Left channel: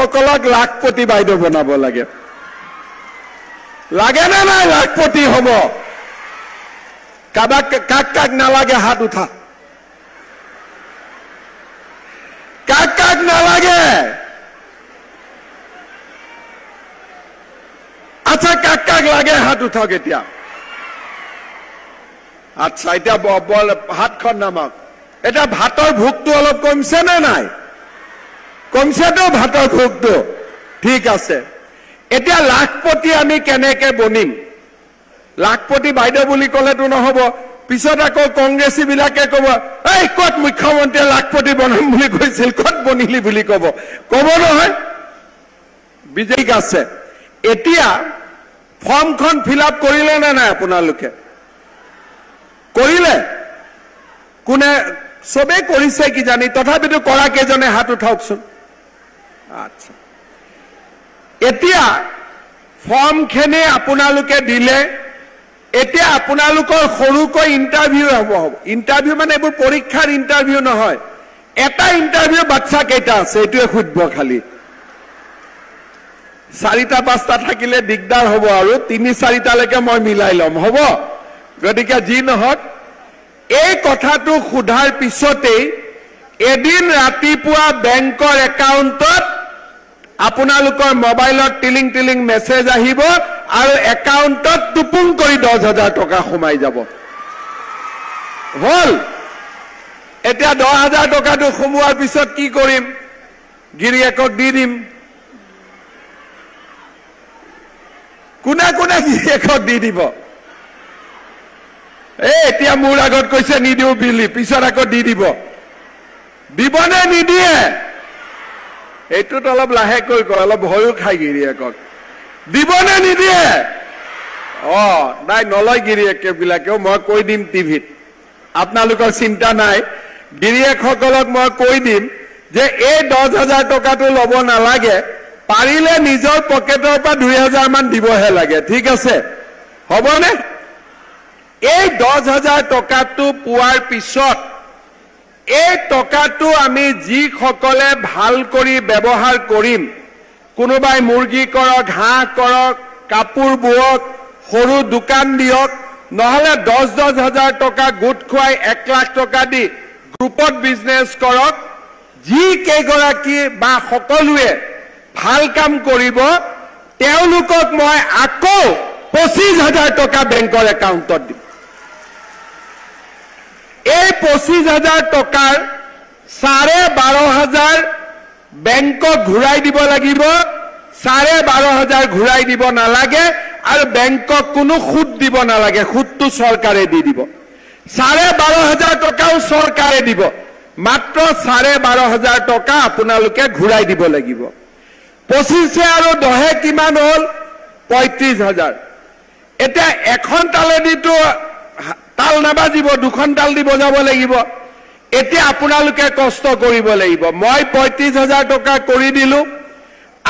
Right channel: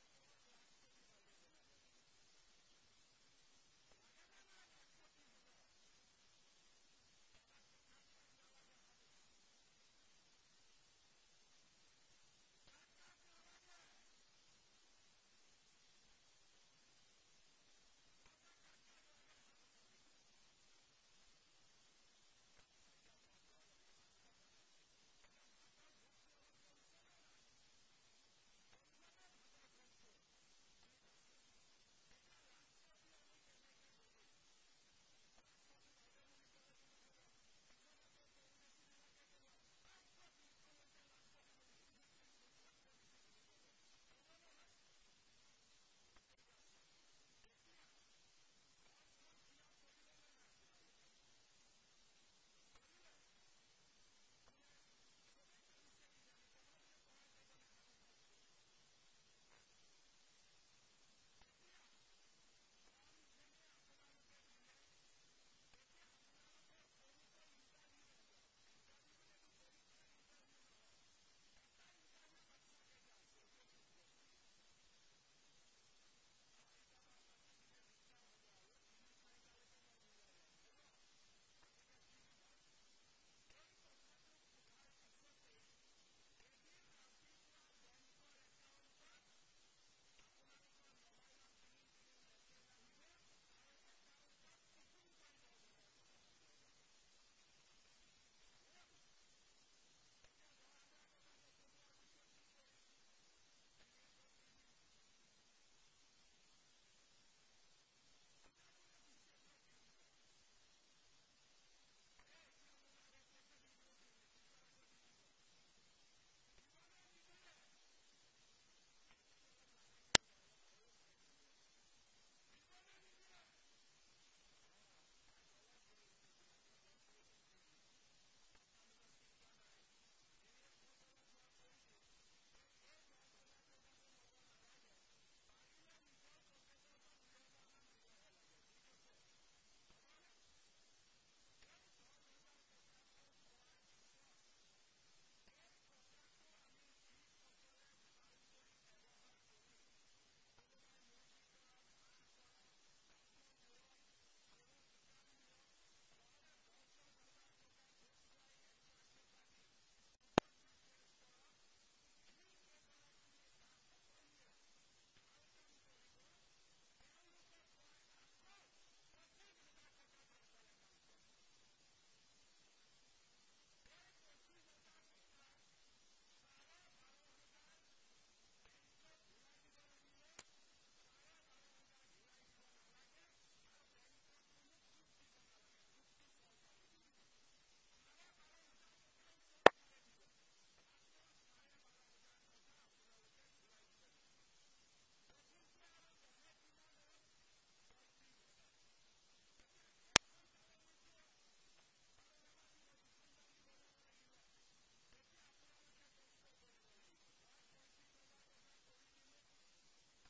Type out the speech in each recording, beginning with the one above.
সকলক লাখপতি বাইদেউ বনাব লাগে লাগে না নাই লাখপতি হব কাক কাক নালাগে হাত উঠা কাক কাক নালাগে আচ্ছা কাক কাক লাগে হাত উঠাওক এতিয়া আচ্ছা এতিয়া হাতখন নামাওক এটা ভাতৰ ভোকটো অলপ কমছে নে নাই কমছেতো ভাতৰ ভোকটো ঠিক আছে এতিয়া লাখপতি আমি কেনেকে বনিম লাখপতি বাইদেউ বুলি কলেতো নহব পিছত আকৌ কংগ্ৰেছী বিলাকে কব এই কত মুখ্যমন্ত্ৰীয়ে লাখপতি বনাম বুলি কৈছিল কত বনিলি বুলি কব নহয় বিজেপি আছে এতিয়া ফৰ্মখন ফিল আপ কৰিলে নে নাই আপোনালোকে কৰিলে কোনে সবে কৰিছে কি জানি তথাপিতো কৰা কেজনে হাত উঠাওকচোন আচ্ছা এতিয়া ফৰ্মখিনি আপোনালোকে দিলে এতিয়া আপোনালোকৰ সৰুকৈ ইন্টাৰভিউ হ'ব ইন্টাৰভিউ মানে এইবোৰ পৰীক্ষাৰ ইন্টাৰভিউ নহয় এটা ইন্টাৰভিউ বাচ্চা কেইটা আছে এইটোৱে খুঁজব খালি 4টা 5টা থাকিলে দিগদাৰ হ'ব আৰু 3-4টা লৈকে মই মিলাই লম হ'ব গতিকে যি নহওক এই কথাটো খুধাৰ পিছতেই এদিন ৰাতিপুৱা বেংকৰ একাউণ্টত আপোনালোকৰ মোবাইলত টিলিং টিলিং মেছেজ আহিব আৰু একাউণ্টত টুপুং কৰি 10,000 টকা সোমাই যাব হল এতিয়া 10,000 টকাটো সোমোৱাৰ পিছত কি কৰিম গিৰিয়েকক দি দিম কোনে কোনে গিৰিয়েকক দি দিব এতিয়া মোৰ আগত কৈছে নিদিও বিলি পিছত আকৌ দি দিব দিবনে নিদিয়ে এইটোত অলপ লাহেকৈ কয় অলপ ভয়ো খাই গিৰিয়েকক দিবনে নিদিয়ে নাই নলয় গিৰিয়েকবিলাকেও মই কৈ দিম টিভিত আপোনালোকৰ চিন্তা নাই গিৰিয়েকসকলক মই কৈ দিম যে এই 10,000 টকাটো ল'ব নালাগে পাৰিলে নিজৰ পকেটৰ পৰা 2,000 মান দিবহে লাগে ঠিক আছে হ'বনে এই 10,000 টকাটো পোৱাৰ পিছত এই টকাটো আমি যিসকলে ভাল কৰি ব্যৱহাৰ কৰিম কোনোবাই মুৰ্গী কৰক হাঁহ কৰক কাপোৰ বুৱক সৰু দোকান দিয়ক নহলে 10,000 টকা গোট খুৱাই 1 লাখ টকা দি গ্ৰুপত বিজনেছ কৰক যি কেইগৰাকী বা সকলোৱে ভাল কাম কৰিব তেওঁলোকক মই আকৌ 25,000 টকা বেংকৰ একাউণ্টত দিম এই 25,000 টকাৰ 12,500 বেংকক ঘূৰাই দিব লাগিব 12,500 ঘূৰাই দিব নালাগে আৰু বেংকক কোনো সুদ দিব নালাগে সুদটো চৰকাৰে দি দিব 12,500 টকাও চৰকাৰে দিব মাত্ৰ 12,500 টকা আপোনালোকে ঘূৰাই দিব লাগিব 25 আৰু 10 কিমান হল 35,000 এতিয়া এখন তালেদিটো তাল নাবাজিব দুখন তাল দি বজাব লাগিব এতিয়া আপোনালোকে কষ্ট কৰিব লাগিব মই 35,000 টকা কৰি দিলো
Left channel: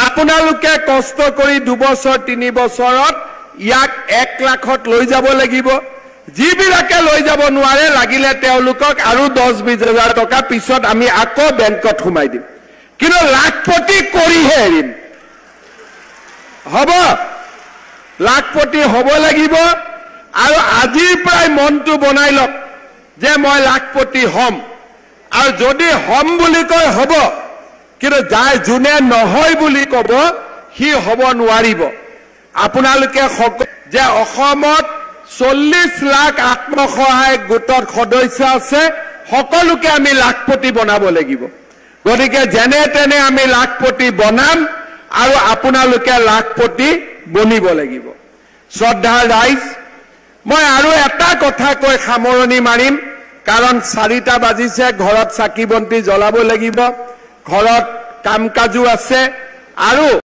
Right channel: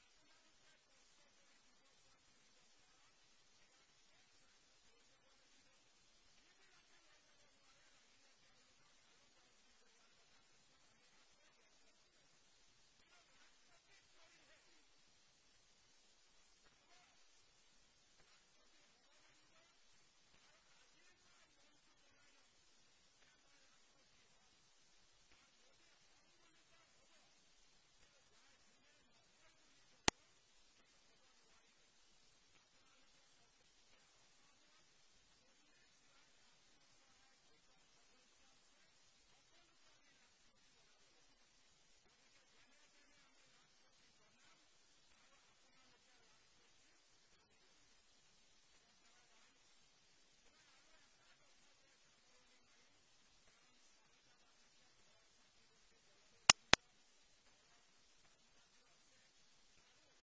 আপোনালোকে কষ্ট কৰি 2 বছৰ 3 বছৰত ইয়াক 1 লাখত লৈ যাব লাগিব যিবিলাকে লৈ যাব নোৱাৰে লাগিলে তেওঁলোকক আৰু 10-20,000 টকা পিছত আমি আকৌ বেংকত সোমাই দিম কিন্তু লাখপতি কৰিহে এৰিম হ'ব লাখপতি হ'ব লাগিব আৰু আজিৰ পৰাই মনটো বনাই লওক যে মই লাখপতি হম আৰু যদি হম বুলি কয় হ'ব কিন্তু যাই যোনে নহয় বুলি কব সি হ'ব নোৱাৰিব আপোনালোকে যে অসমত 40 লাখ আত্মসহায়ক গোটৰ সদস্য আছে সকলোকে আমি লাখপতি বনাব লাগিব গতিকে যেনে তেনে আমি লাখপতি বনাম আৰু আপোনালোকে লাখপতি বনিব লাগিব শ্ৰদ্ধাৰ ৰাইজ মই আৰু এটা কথা কৈ সামৰণি মাৰিম কাৰণ 4টা বাজিছে ঘৰত চাকি বন্তি জ্বলাব লাগিব ঘৰত কাম কাজু আছে আৰু